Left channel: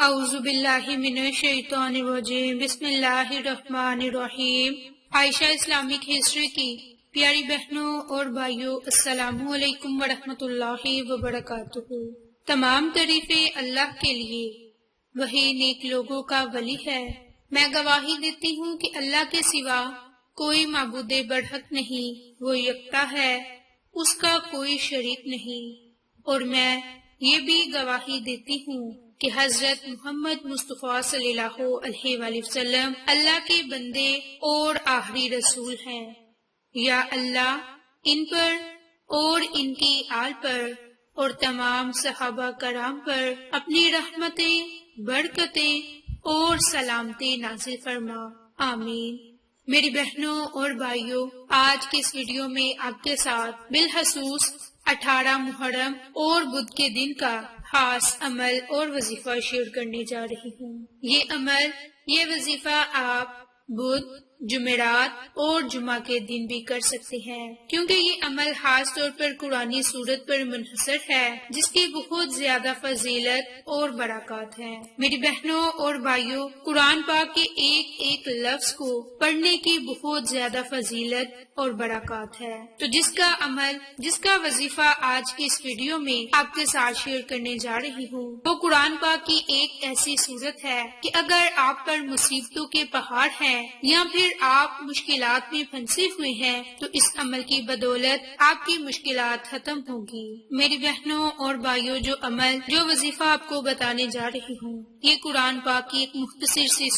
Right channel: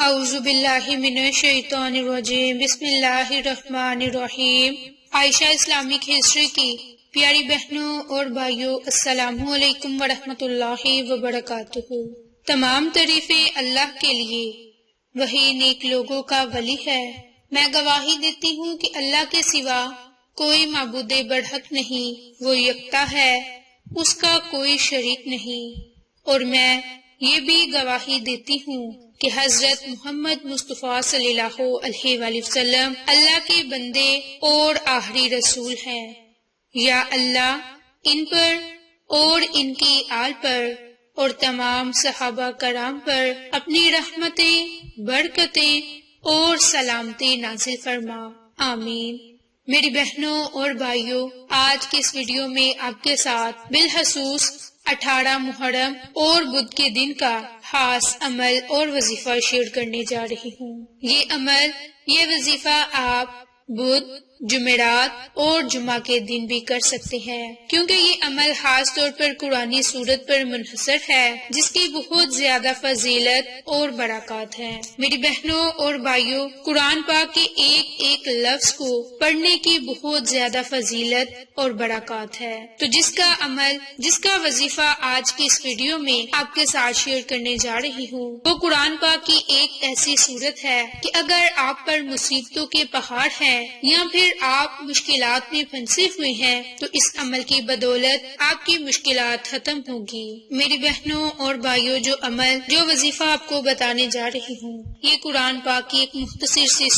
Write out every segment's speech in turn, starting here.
اعوذ باللہ من الشیطان الرجیم، بسم اللہ الرحمن الرحیم۔ عائشہ اسلامک ہسٹری کی پیاری بہنوں اور بھائیوں، السلام علیکم ورحمۃ اللہ وبرکاتہ۔ تمام تعریفیں اللہ کے لیے، وہی نیک لوگوں کا ولی ہے۔ میں گواہی دیتی ہوں کہ اللہ کے سوا کوئی معبود برحق نہیں، وہ یکتا ہے، اس کا کوئی شریک نہیں۔ اور میں یہ بھی گواہی دیتی ہوں کہ حضرت محمد مصطفیٰ صلی اللہ علیہ وآلہ وسلم اللہ کے بندے اور آخری رسول ہیں۔ یا اللہ ان پر اور ان کی آل پر اور تمام صحابہ کرام پر اپنی رحمتیں، برکتیں اور سلامتی نازل فرما، آمین۔ میری بہنوں اور بھائیوں، آج کے اس ویڈیو میں آپ کے ساتھ بالخصوص 18 محرم اور بدھ کے دن کا خاص عمل اور وظیفہ شیئر کرنے جا رہی ہوں۔ یہ عمل، یہ وظیفہ آپ بدھ، جمعرات اور جمعہ کے دن بھی کر سکتے ہیں، کیونکہ یہ عمل خاص طور پر قرآنی سورت پر منحصر ہے، جس کی بہت زیادہ فضیلت اور برکات ہے۔ میری بہنوں اور بھائیوں، قرآن پاک کے ایک ایک لفظ کو پڑھنے کی بہت زیادہ فضیلت اور برکات ہے۔ تو جس کا عمل، جس کا وظیفہ آج کی اس ویڈیو میں آپ کے ساتھ شیئر کرنے جا رہی ہوں، وہ قرآن پاک کی ایک ایسی سورت ہے کہ اگر آپ پر مصیبتوں کے پہاڑ ہیں یا پھر آپ مشکلات میں پھنسے ہوئے ہیں تو اس عمل کی بدولت آپ کی مشکلات ختم ہوگی۔ میری بہنوں اور بھائیوں، جو عمل، جو وظیفہ آپ کو بتانے جا رہی ہوں، یہ قرآن پاک کی ایک مختصر سی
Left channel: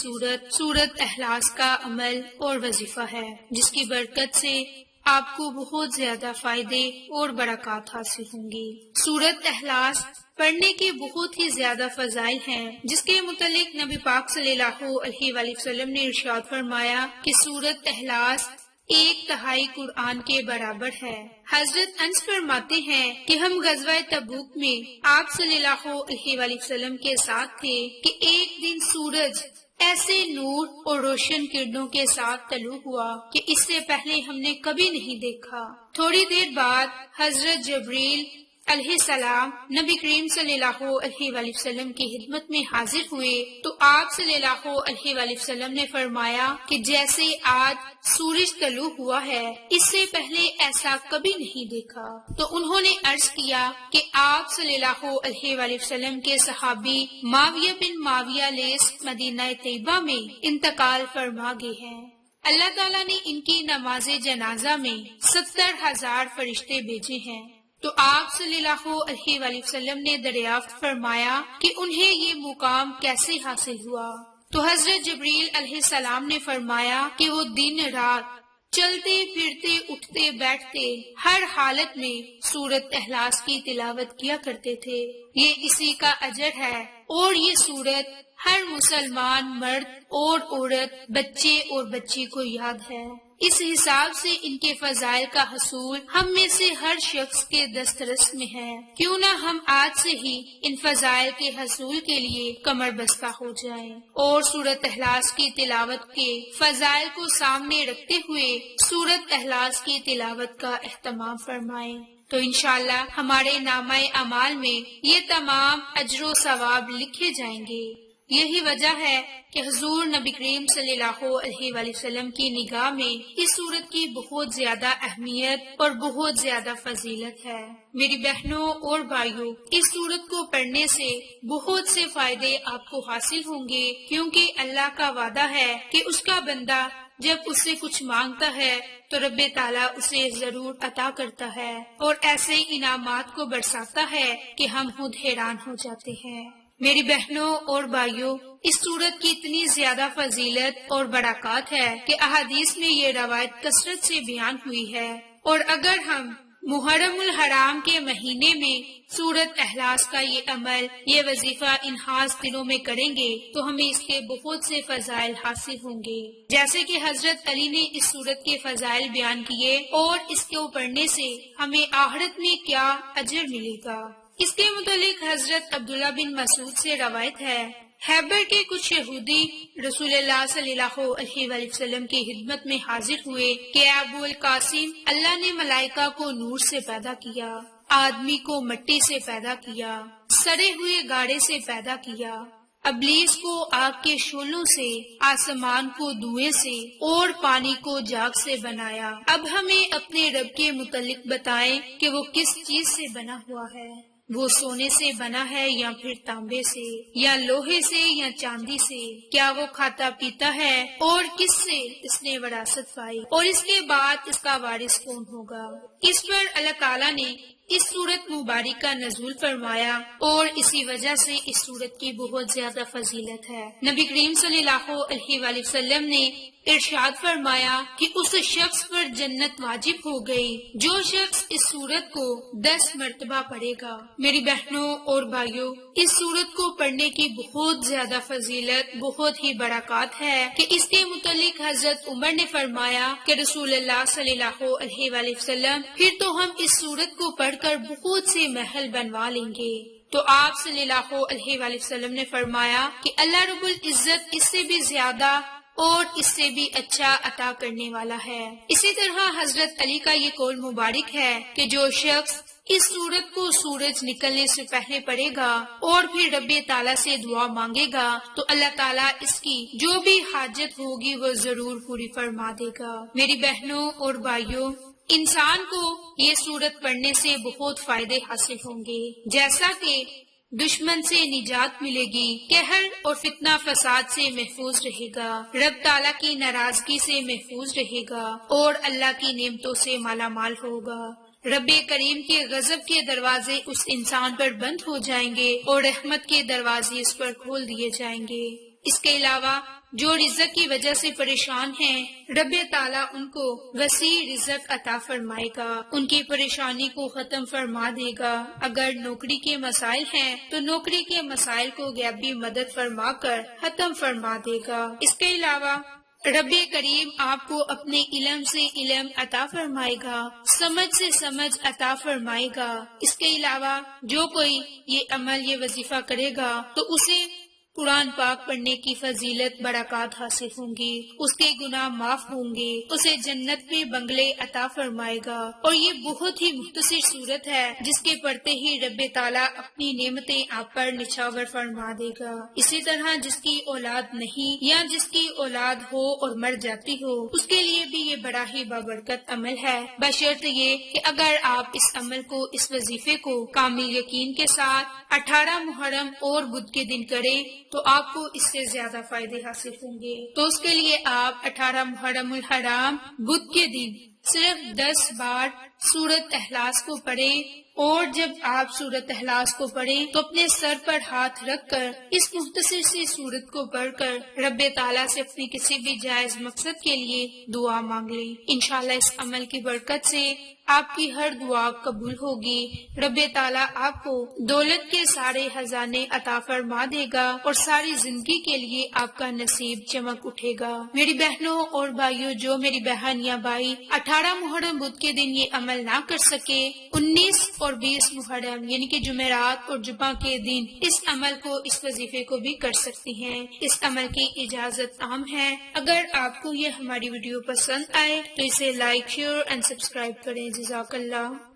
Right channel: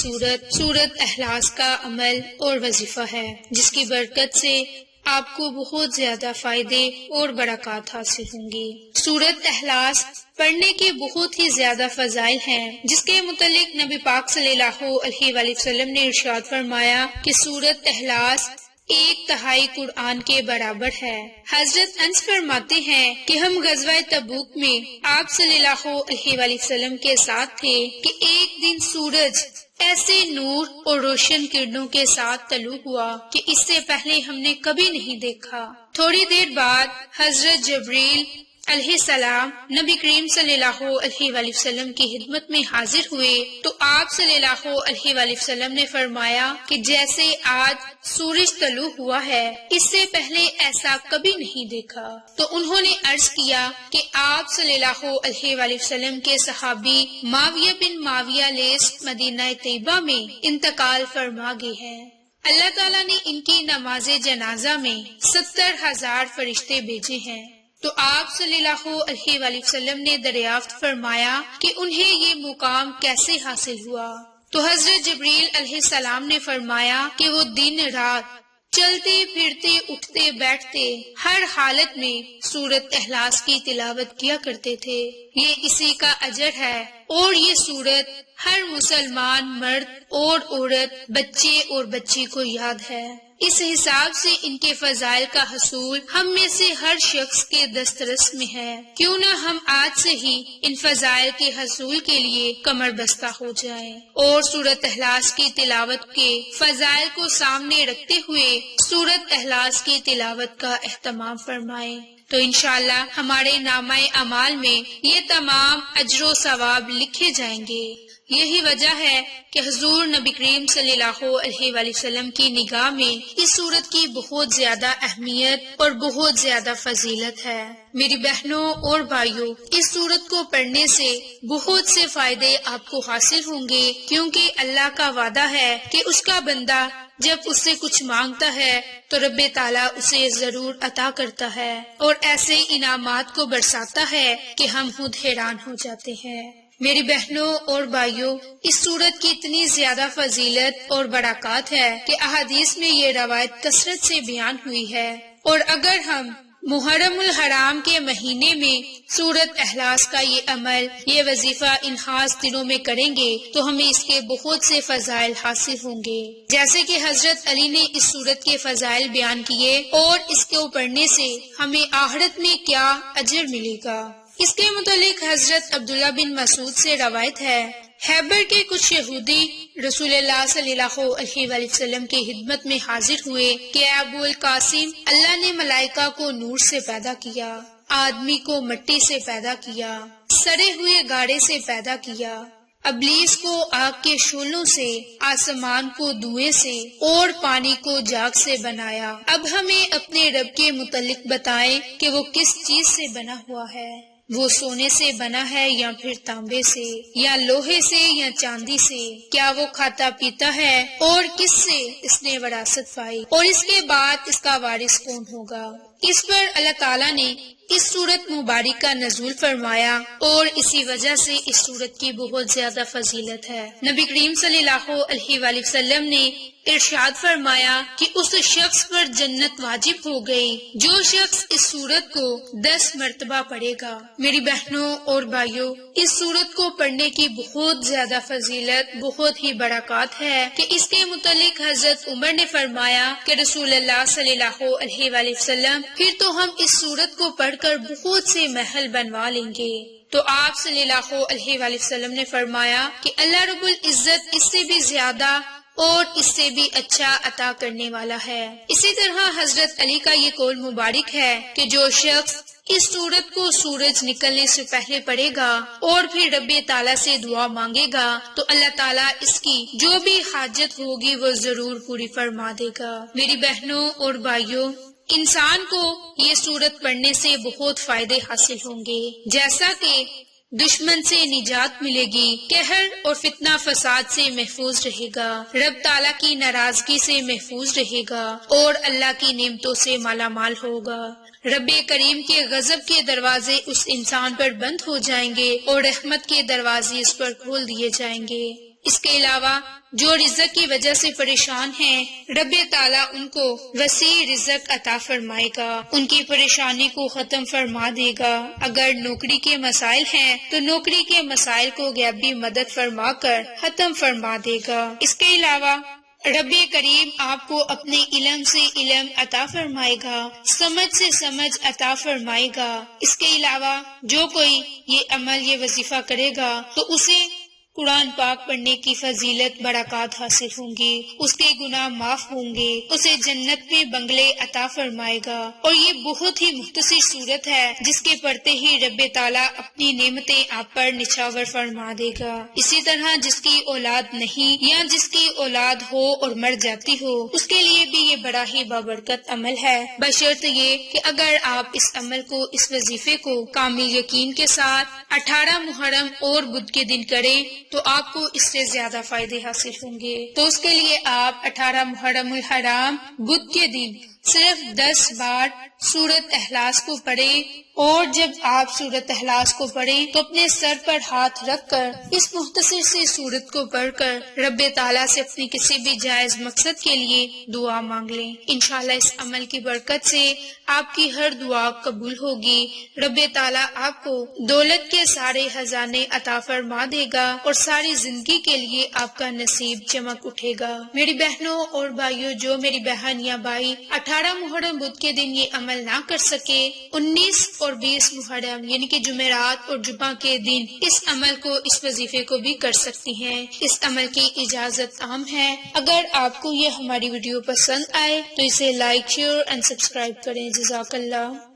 سورت اخلاص کا عمل اور وظیفہ ہے، جس کی برکت سے آپ کو بہت زیادہ فائدے اور برکات حاصل ہوں گی۔ سورت اخلاص پڑھنے کے بہت ہی زیادہ فضائل ہیں، جس کے متعلق نبی پاک صلی اللہ علیہ وآلہ وسلم نے ارشاد فرمایا کہ سورت اخلاص 1/3 قرآن کے برابر ہے۔ حضرت انس فرماتے ہیں کہ ہم غزوہ تبوک میں آپ صلی اللہ علیہ وآلہ وسلم کے ساتھ تھے کہ ایک دن سورج ایسے نور اور روشن کرنوں کے ساتھ طلوع ہوا کہ اس سے پہلے ہم نے کبھی نہیں دیکھا۔ تھوڑی دیر بعد حضرت جبریل علیہ السلام نبی کریم صلی اللہ علیہ وآلہ وسلم کی خدمت میں حاضر ہوئے تو آپ صلی اللہ علیہ وآلہ وسلم نے فرمایا کہ جیسے آج سورج طلوع ہوا ہے، اس سے پہلے ایسا کبھی نہیں دیکھا۔ تو انہوں نے عرض کیا کہ آپ صلی اللہ علیہ وآلہ وسلم کے صحابی معاویہ بن معاویہ لیث مدینہ طیبہ میں انتقال فرما گئے ہیں۔ اللہ تعالیٰ نے ان کی نماز جنازہ میں 70,000 فرشتے بھیجے ہیں۔ تو آپ صلی اللہ علیہ وآلہ وسلم نے دریافت فرمایا کہ انہیں یہ مقام کیسے حاصل ہوا؟ تو حضرت جبریل علیہ السلام نے فرمایا کہ وہ دن رات چلتے پھرتے اٹھتے بیٹھتے ہر حالت میں سورت اخلاص کی تلاوت کیا کرتے تھے۔ یہ اسی کا اجر ہے، اور یہ سورت ہر مسلمان مرد اور عورت، بچے اور بچی کو یاد ہے۔ اس حساب سے ان کے فضائل کا حصول ہم میں سے ہر شخص کے دسترس میں ہے۔ کیوں نہ ہم آج سے ہی ان فضائل کے حصول کے لیے کمر بستہ ہو جائیں اور سورت اخلاص کی تلاوت کے فضائل کو سامنے رکھتے ہوئے سورت اخلاص کی تلاوت کا اہتمام فرمائیں۔ تو انشاءاللہ ہمارے نامہ اعمال میں یہ تمام اجر و ثواب لکھے جائیں گے۔ یہی وجہ ہے کہ حضور نبی کریم صلی اللہ علیہ وآلہ وسلم کی نگاہ میں اس سورت کی بہت زیادہ اہمیت اور بہت زیادہ فضیلت ہے۔ میری بہنوں اور بھائیوں، اس سورت کو پڑھنے سے بہت سے فائدے آپ کو حاصل ہوں گے، کیونکہ اللہ کا وعدہ ہے کہ اس کا بندہ جب اس سے کچھ مانگتا ہے تو رب تعالیٰ اسے ضرور عطا کرتا ہے، اور ایسے انعامات کو برساتا ہے کہ ہم خود حیران ہو جاتے ہیں۔ میری بہنوں اور بھائیوں، اس سورت کی اتنی زیادہ فضیلت اور برکات ہے کہ احادیث میں یہ روایت کثرت سے بیان ہوئی ہے، اور اگر ہم محرم الحرام کے مہینے میں سورت اخلاص کا یہ عمل، یہ وظیفہ ان خاص دنوں میں کریں گے تو ہمیں اس کے بہت سے فضائل حاصل ہوں گے، جیسے کہ حضرت علی نے اس سورت کے فضائل بیان کیے اور اس کو پڑھنے سے ہمیں آخرت میں کیا اجر ملے گا۔ اس کے متعلق حضرت عبداللہ بن مسعود سے روایت ہے، خیبر کے کچھ یہودی رسول اللہ صلی اللہ علیہ وآلہ وسلم کی خدمت میں حاضر ہوئے کہ ابو القاسم، اللہ نے ملائکہ کو نور سے پیدا کیا، آدمی کو مٹی سے پیدا کیا، سڑے ہوئے گاڑے سے پیدا کیا، ابلیس کو آگ کے شعلوں سے، آسمان کو دھوئیں سے اور پانی کو جاگ سے بنایا۔ اب ہمیں اپنے رب کے متعلق بتائیں کہ وہ کس چیز سے بنا ہوا ہے۔ وہ سونے سے بنا ہے یا پھر تانبے سے یا لوہے سے یا چاندی سے؟ کیا وہ کھاتا پیتا ہے؟ اور کس سے اس نے وراثت پائی؟ اور اس کے بعد اس کا وارث کون ہوگا؟ اس پر اللہ تعالیٰ نے اس سورت مبارک کا نزول فرمایا اور اسی وجہ سے اس سورت کی بہت زیادہ فضیلت ہے۔ نبی کریم صلی اللہ علیہ وآلہ وسلم نے ارشاد فرمایا کہ اس شخص پر جنت واجب ہو گئی جو شخص اس سورت کو 10 مرتبہ پڑھے گا۔ میری بہنوں اور بھائیوں، اس سورت کو پڑھنے کی بہت زیادہ فضیلت، بہت ہی برکات ہے کہ اس کے متعلق حضرت عمر نے فرمایا کہ رسول اللہ صلی اللہ علیہ وآلہ وسلم پھر تو ہم اس سورت کو پڑھ کر بہت سے محل بنوا لیں گے۔ تو آپ صلی اللہ علیہ وآلہ وسلم نے فرمایا کہ اللہ رب العزت اس سے بھی زیادہ اور اس سے بھی اچھا عطا کرنے والا ہے۔ اسی طرح حضرت علی کا یہ قول مبارک ہے کہ جو شخص اس سورت کو سورج نکلنے سے پہلے پڑھے گا اور پھر رب تعالیٰ سے دعا مانگے گا تو اللہ تعالیٰ اس کی جو بھی حاجت ہوگی وہ ضرور پوری فرما دے گا۔ میری بہنوں اور بھائیوں، انسان کو یہ سورت پڑھنے سے بہت فائدے حاصل ہوں گے، جیسا کہ دشمن سے نجات ملے گی، قہر اور فتنہ فساد سے محفوظ رہے گا، رب تعالیٰ کی ناراضگی سے محفوظ رہے گا اور اللہ کی نعمتوں سے مالا مال ہوگا۔ رب کریم کے غضب کے دروازے اس انسان پر بند ہو جائیں گے اور رحمت کے دروازے اس پر کھول دیے جائیں گے۔ اس کے علاوہ جو رزق کی وجہ سے پریشان ہیں، رب تعالیٰ ان کو وسیع رزق عطا فرمائے گا، ان کی پریشانی کو ختم فرما دے گا۔ اگر نوکری کے مسائل ہیں تو نوکری کے مسائل کو غیبی مدد فرما کر ختم فرما دے گا۔ اس کے علاوہ رب کریم آپ کو اپنے علم سے علم عطا فرمائے گا، سمجھ سے سمجھ عطا فرمائے گا۔ اس کے علاوہ جو کوئی یہ عمل، یہ وظیفہ کرے گا تو اسے قرآن پاک پڑھنے کی فضیلت، برکات حاصل ہوں گی، اس کے گناہ معاف ہوں گے، اسے جنت میں بنگلے عطا فرمائے گا۔ اور یہ بہت ہی مختصر صورت ہے جس کے پڑھتے ہی رب تعالیٰ اپنی نعمتیں آپ پر نچھاور فرما دے گا۔ اسی طرح جس کی اولاد نہیں یا جس کی اولاد ہو اور مر جاتی ہو، اس کے لیے بھی یہ بڑا ہی بابرکت عمل ہے، بشرط یہ کہ اگر آپ اس عمل کو، اس وظیفے کو کامل یقین کے ساتھ 18 محرم اور بدھ کے دن کریں تو آپ کو اس سے زیادہ فائدے حاصل ہوں گے۔ تو اس کے لیے آپ 18 محرم الحرام بدھ کے دن صرف 10 بار سورت اخلاص کو پڑھیں، اور جب آپ سورت اخلاص کو پڑھیں تو اپنے سر پر ہاتھ رکھ کر اس مختصر سی سورت کو پڑھ کر رب تعالیٰ سے اپنی کسی بھی جائز مقصد کے لیے دعا مانگ لیں۔ انشاءاللہ اس عمل کی برکت سے آپ کی ہر دعا قبول ہوگی، رب تعالیٰ آپ کو دولت کے سارے خزانے عطا فرما دے گا اور ساری زندگی کے لیے آپ کا نصیب چمک اٹھے گا۔ میری بہنوں اور بھائیوں، جو میری بہن یا بھائی 18 محرم بدھ کے دن یہ عمل نہ کر سکے، 19 اور 20 محرم یعنی کہ جمعرات اور جمعہ کے دن اس عمل کو، اس وظیفے کو بھی کر سکتی ہیں۔ اس عمل کی اجازت عام ہے۔ اگر آپ کو یہ ہماری ویڈیو پسند آئے تو اسے لائک، شیئر اور سبسکرائب کریں۔ جزاک اللہ۔